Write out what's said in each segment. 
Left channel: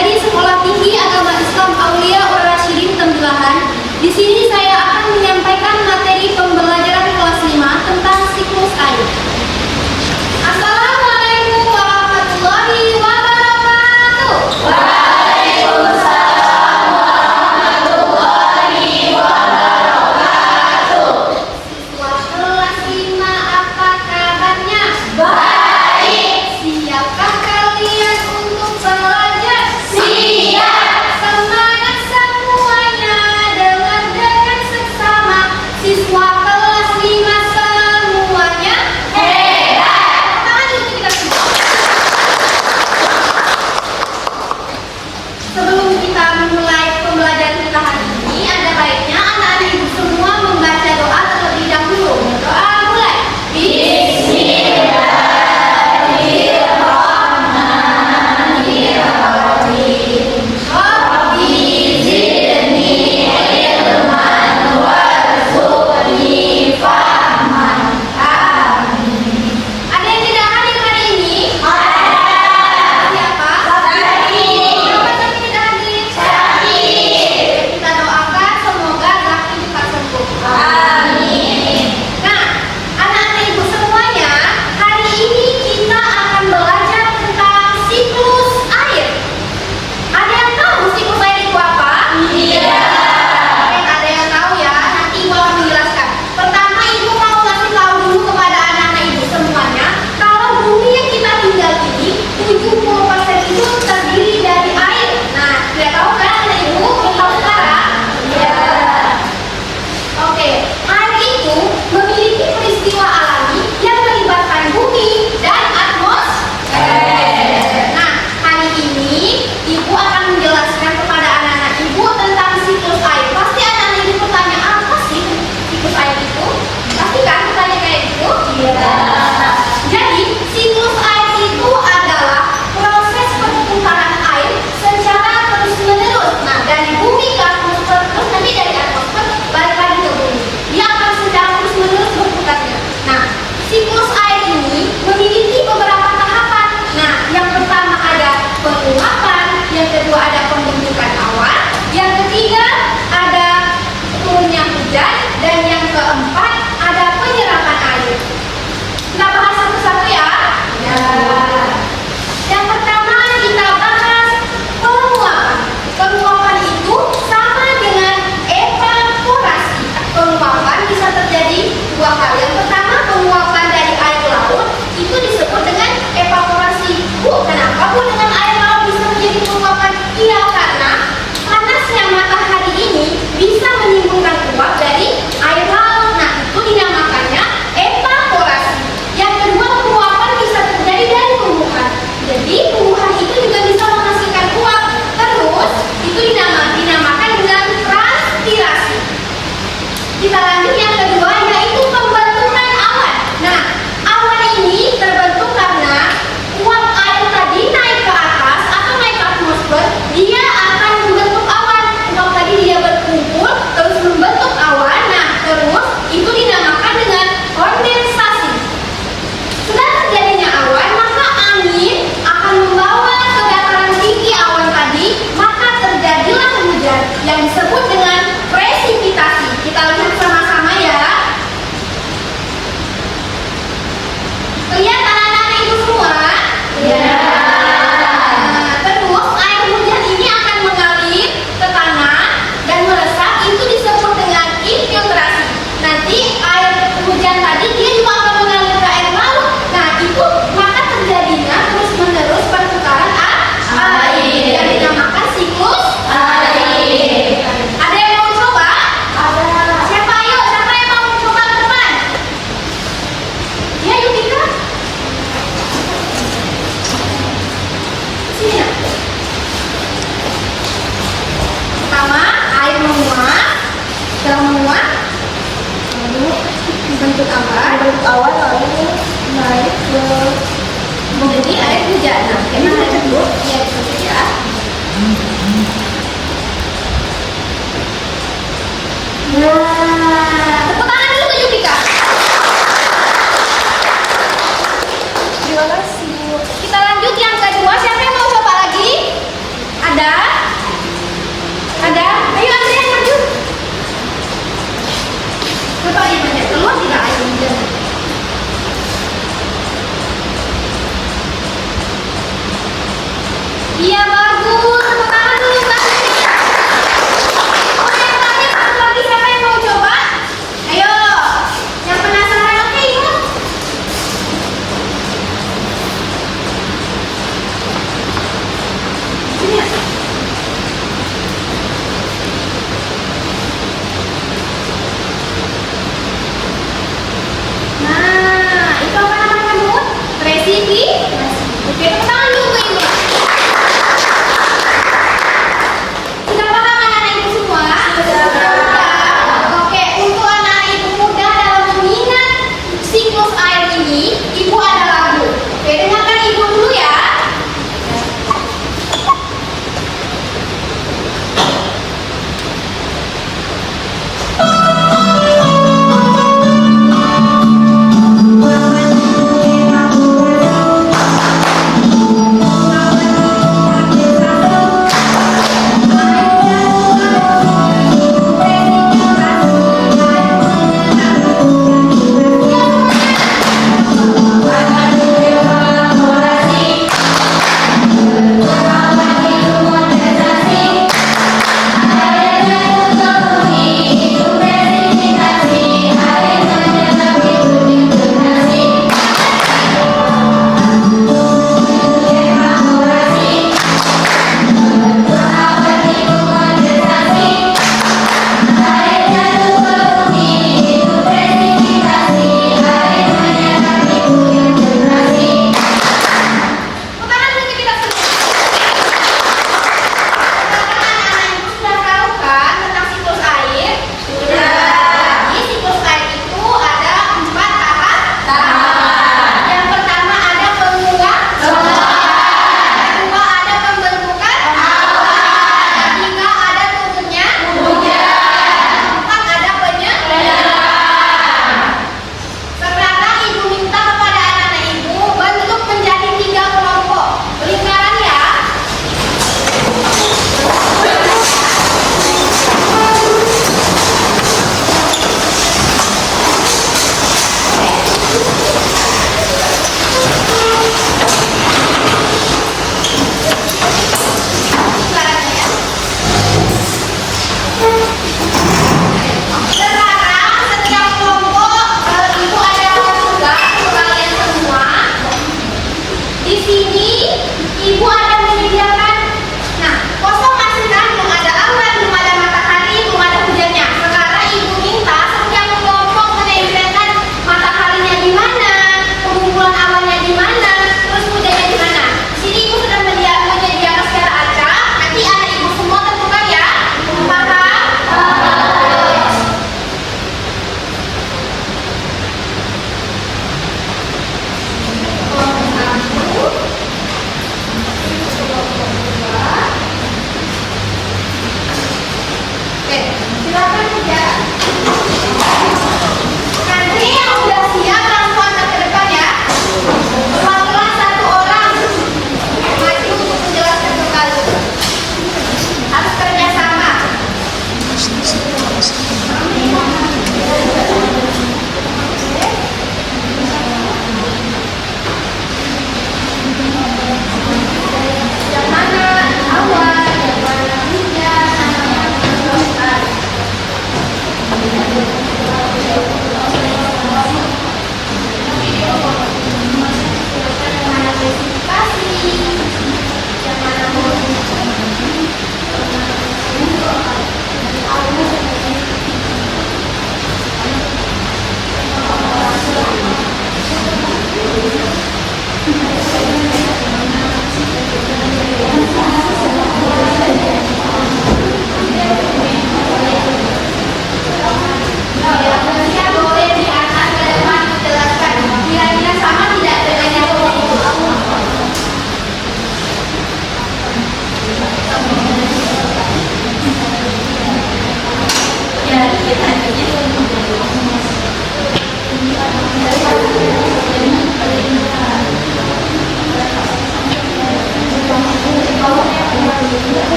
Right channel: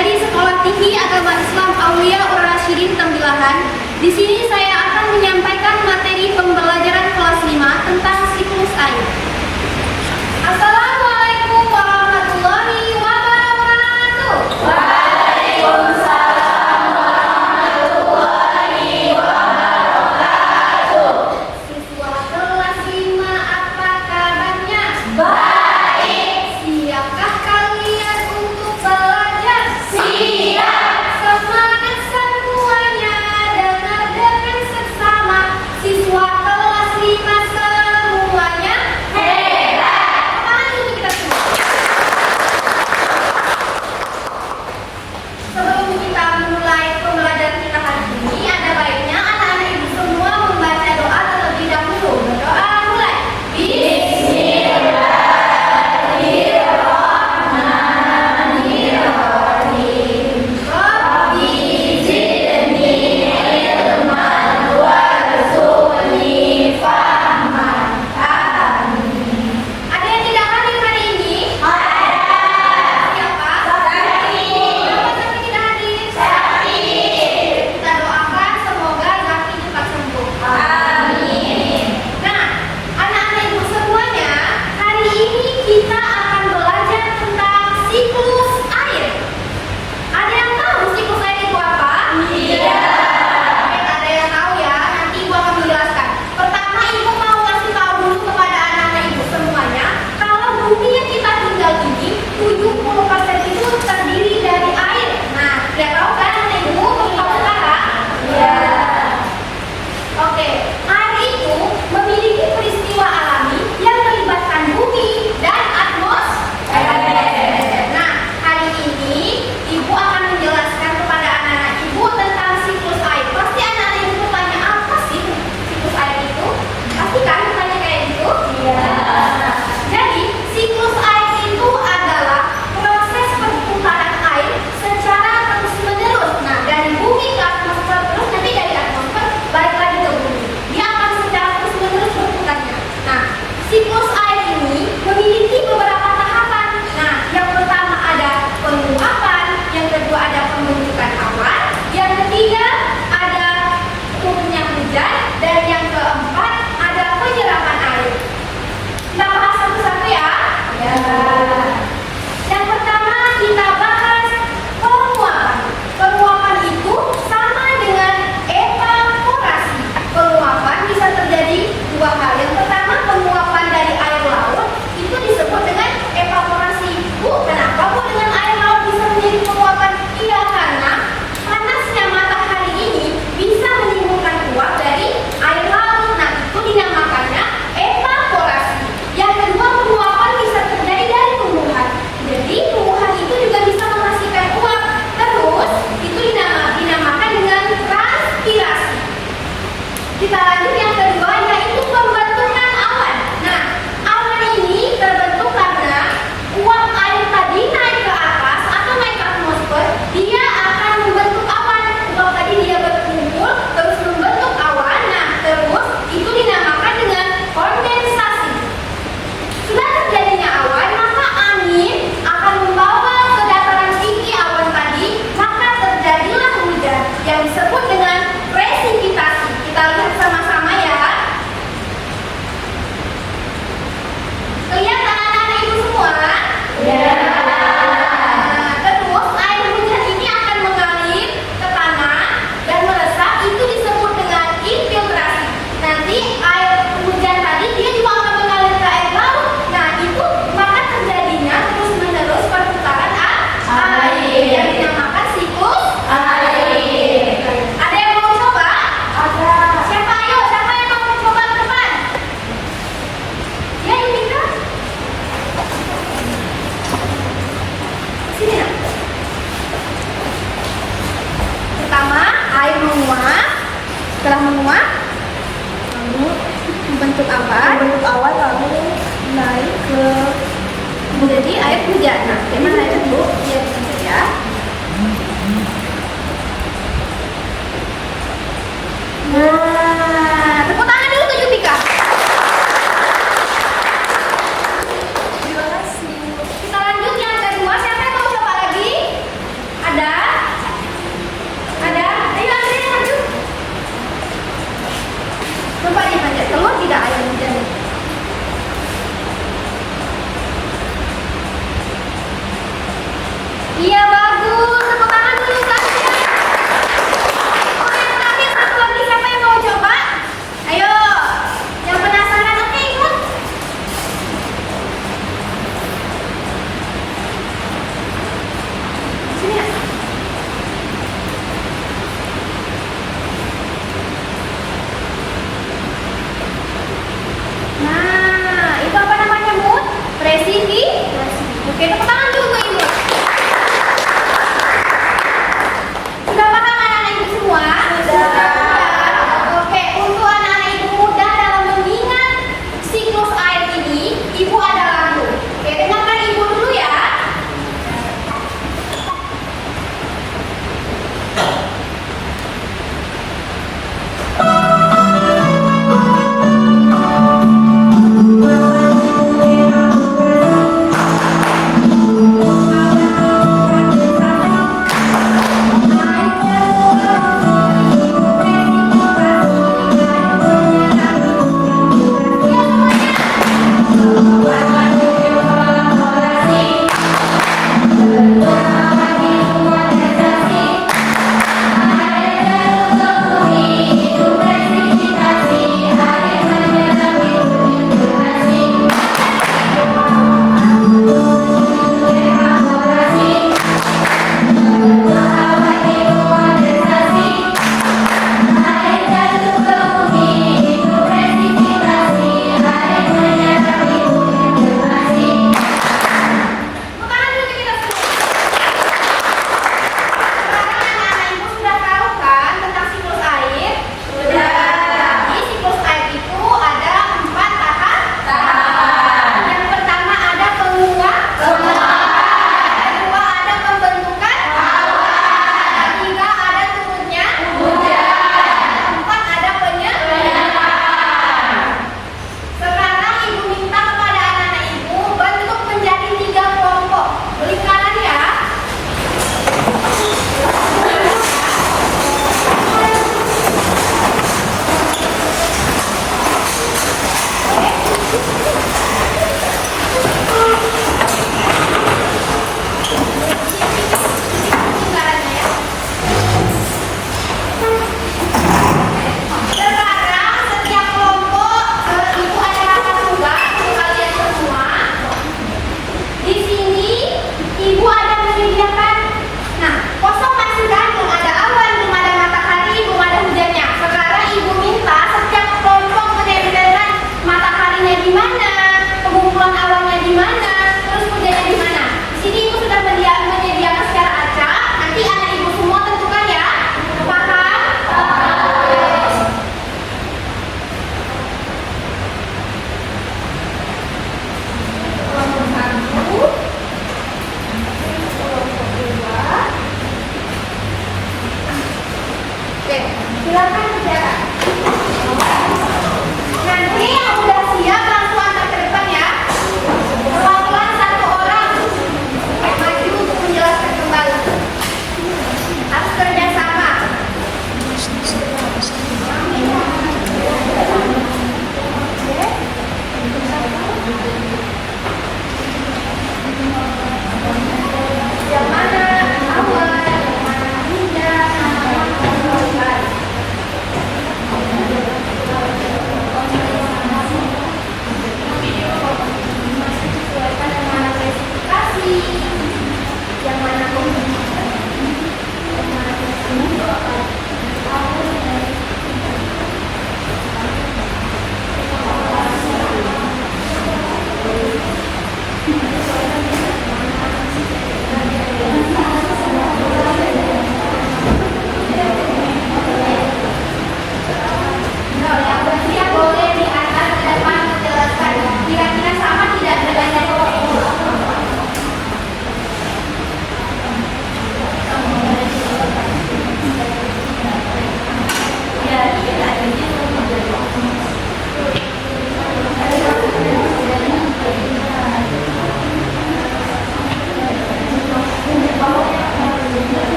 dari Sekolah Tinggi Agama Islam Aulia Ur-Rasyidin Tembilahan. Di sini saya akan menyampaikan materi pembelajaran kelas 5 tentang siklus air. Assalamualaikum warahmatullahi wabarakatuh. Waalaikumsalam warahmatullahi wabarakatuh. Siswa kelas 5, apa kabarnya? Baik. Siapkah kalian untuk belajar? Siap. Semangat semuanya, dengar dengan seksama. Siswa kelas 5 semuanya hebat. Tangan dulu kita semua. Sebelum kita memulai pembelajaran kita hari ini, ada baiknya anak-anak ibu semua membaca doa terlebih dahulu. Doa mulai. Bismillahirrahmanirrahim. Rabbi zidni ilman warzuqni fahman. Amin. Ada yang tidak hadir hari ini? Siapa? Kenapa Zaki tidak hadir? Kita doakan semoga Zaki cepat sembuh. Amin. Nah, anak-anak ibu semuanya, hari ini kita akan belajar tentang siklus air. Ada yang tahu siklus air itu apa? Iya. Oke, ada yang tahu ya. Nanti ibu akan menjelaskan. Pertama, ibu mau kasih tahu dulu kepada anak-anak ibu semuanya, kalau bumi yang kita tinggal ini 70% itu terdiri dari air. Nah, sudah tahu kan anak ibu? Tahu sekarang? Iya. Oke, air itu memiliki peristiwa alami yang melibatkan bumi dan atmosfer. Nah, hari ini ibu akan menjelaskan kepada anak-anak ibu tentang siklus air. Pasti anak-anak ibu bertanya, apa sih siklus air itu? Pasti kan bertanya kayak gitu? Iya. Jadi, siklus air itu adalah proses perputaran air secara terus-menerus. Nah, dari bumi ke atmosfer, terus nanti dari atmosfer balik lagi ke bumi. Dia akan secara terus-menerus berputarnya. Nah, siklus air ini memiliki beberapa tahapan. Nah, yang pertama ada penguapan, yang kedua ada pembentukan awan, yang ketiga ada turunnya hujan, dan yang keempat ada penyerapan air. Kita bahas satu-satu ya. Ya. Yang pertama kita bahas penguapan. Penguapan itu sama dengan evaporasi. Penguapan bisa terjadi dua hal. Yang pertama, penguapan dari air laut itu disebut dengan evaporasi. Bu, kenapa Bu dengan air laut bisa menjadi penguapan? Iya, karena panasnya matahari ini bisa menimbulkan uap dari air laut. Nah, itu dinamakannya evaporasi. Yang kedua, penguapan bisa terjadi dari tumbuhan. Jadi, tumbuhan itu juga bisa menghasilkan uap. Terus, itu dinamakan dengan transpirasi. Kita lanjut yang kedua, yaitu pembentukan awan. Nah, awan ini terbentuk karena uap air tadi naik ke atas atau naik ke atmosfer, dia akan membentuk awan. Uap tadi dia berkumpul, terus membentuk awan. Nah, terus itu dinamakan dengan kondensasi. Setelah terjadinya awan, maka angin akan membawa ke dataran tinggi awan tadi, maka terjadilah hujan yang disebut dengan presipitasi. Kita lihat sama-sama ya. Kelihatan anak-anak ibu semua? Ya. Nah, terus air hujan ini akan mengalir ke tanah dan meresap, itu disebut dengan infiltrasi. Nanti air hujan tadi dia juga akan mengalir ke air laut. Nah, itu maka terjadinya terus-menerus perputaran air yang dinamakan siklus air. Ada yang mau coba? Ada. Siapa? Ayo, siapa yang mau coba ke depan? Ya, yuk kita. Sini nak. Pertama, air menguap. Setelah menguap, lalu membentuk awan, lalu naik ke menjadi air hujan. Nah, gimana air itu? Iya, dibentuk ya. Nah, tepuk tangan dulu ke Yupika. Kita lanjut yang kedua. Siapa yang mau coba lagi? Ada Iya bagus, tepuk tangan dulu Kak. Oh yang terakhir satu lagi siapa yang mau coba? Ayo, yang penasaran oke ikut. Sini ya. Nah, itu apa namanya Mut? Presifikasi. Oke, tepuk tangan dulu Mbak Imut. Sudah paham anak-anak ibu semua? Sudah. Oke, untuk anak-anak ibu muda dalam mengingat siklus air ini, ibu ada lagu. Oke, dengarkan ibu dulu ya. Bukan dulu kita semua. Sekarang anak-anak ibu sudah tahu kan tentang siklus air? Sudah. Jadi siklus air itu ada 4 tahapan. Yang pertama ada penguap. Yang kedua ada pembentukan. Yang ketiga ada turunnya. Yang keempat ada penyerapan. Sekarang ibu minta kepada anak-anak ibu bentuk menjadi 3 kelompok lingkaran ya. Lingkarannya ya. Sekarang setiap kelompok itu ada nomor tunggal untuk kalian semua. Di sini ibu ada menyediakan. Nah, kosong masih kan? Belum ada awan, belum ada matahari, belum ada hujannya. Sekarang ibu minta setiap kelompok menempelkan mataharinya di mana, pengumpulan awannya di mana, terus hujannya di mana. Di sini ibu sudah menyediakan secara acak. Nanti anak ibu semua tentukan ya. Paham? Kelompok 1,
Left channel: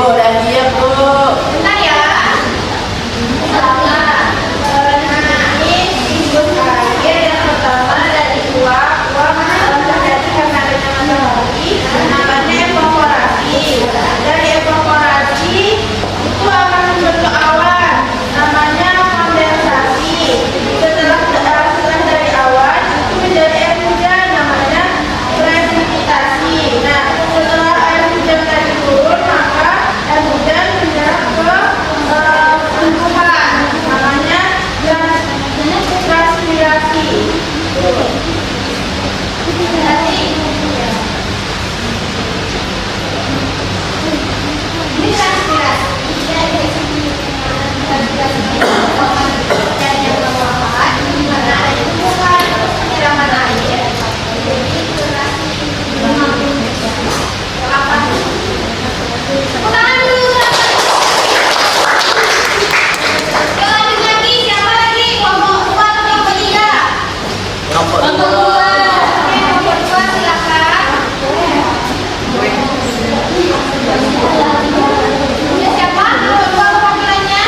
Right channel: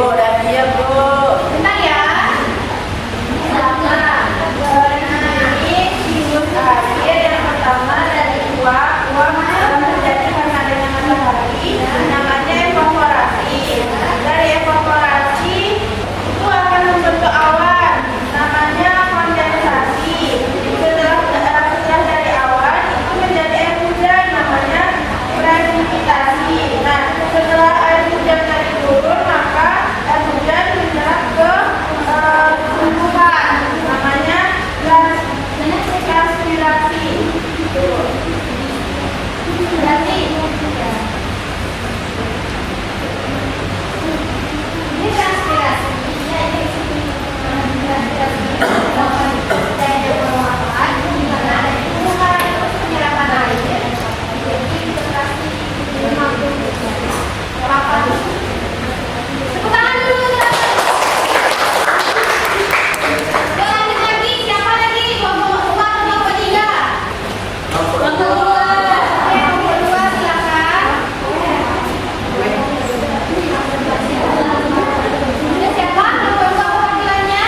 Bu, udah siap, Bu. Bentar ya. Sabar. Ini siklus air yang pertama dari uap terjadi karena adanya matahari, namanya evaporasi. Dari evaporasi itu akan membentuk awan, namanya kondensasi. Setelah dari awan itu menjadi air hujan, namanya presipitasi. Nah, setelah air hujan tadi turun, maka air hujan menyerap ke tumbuhan, namanya transpirasi. Ini transpirasi. Dan yang bermanfaat di mana adanya tumbuhan penyiraman air. Jadi interaksi apa? Tepuk tangan dulu. Yuk lanjut lagi. Siapa lagi? Kelompok 2 atau kelompok 3? Kelompok 2. Oke, kelompok 2 silakan. Ya, siapa? Kelompok 2 perwakilannya?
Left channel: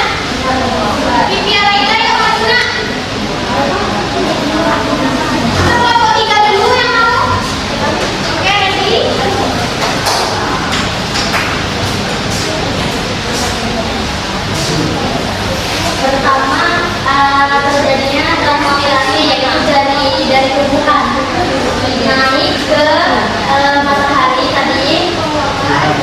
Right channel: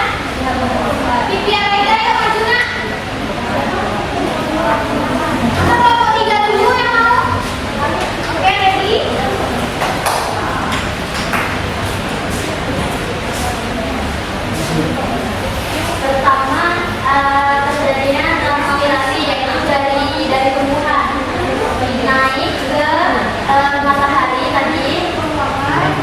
Pipi Raita yang maju nak. Atau kelompok 3 dulu yang mau? Oke, ready? Pertama, terjadinya transpirasi yaitu dari tumbuhan naik ke matahari tadi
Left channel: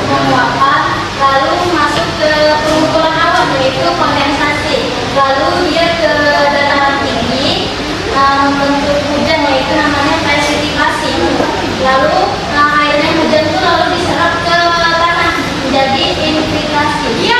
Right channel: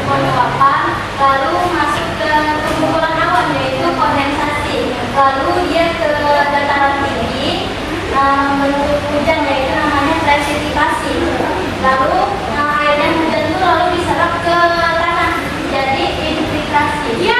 menguapkan, lalu masuk ke pengumpulan awan yaitu kondensasi, lalu dia ke dataran tinggi membentuk hujan yaitu namanya presipitasi, lalu airnya hujan itu lalu diserap ke tanah jadi infiltrasi. Iya,